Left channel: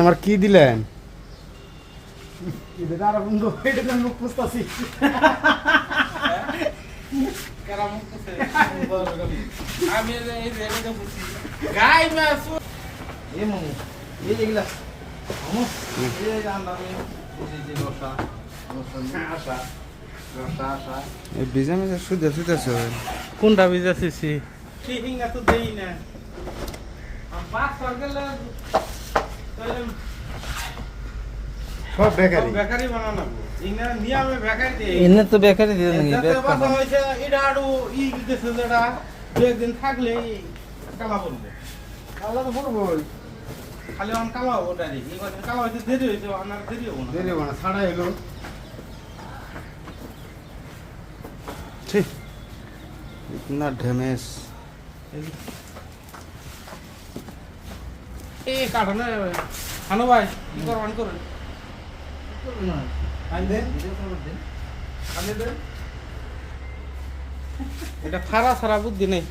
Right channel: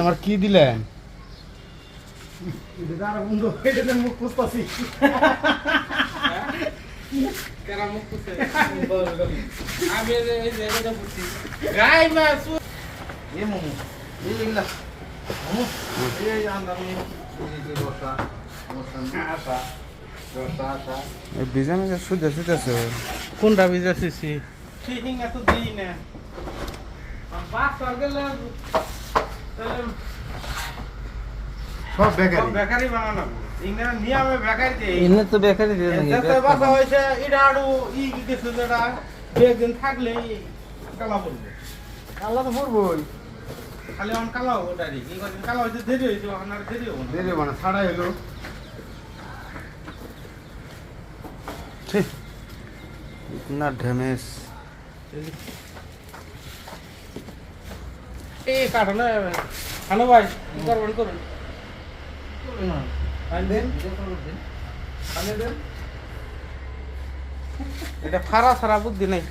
আমার কি দিলেন? ভিজা মেজা শুধু শুধু কোনটা ভিজাছিস? ঠিকই তো দেই না। সব বেকারি বেকারি বানানো নিয়মে বেকারি দিয়ে এনে তো বেকারি দিয়ে বাসা হয়েছে এটা আরো গেছে যেটা দুদিন থাকলে কালা পড়বো। কালা তো পড়বই, খালি আমার কালা হবো ডালি কালা হয়েছে দেরি হয়েছে আপনার দেরি হবো না। দেরি মানে ছাড়াই হলো। না ড্যামেজ এই কাঠলে খানো ভাই কি করবেন করুন এটা ফারা সারা বুদ্ধি নেই।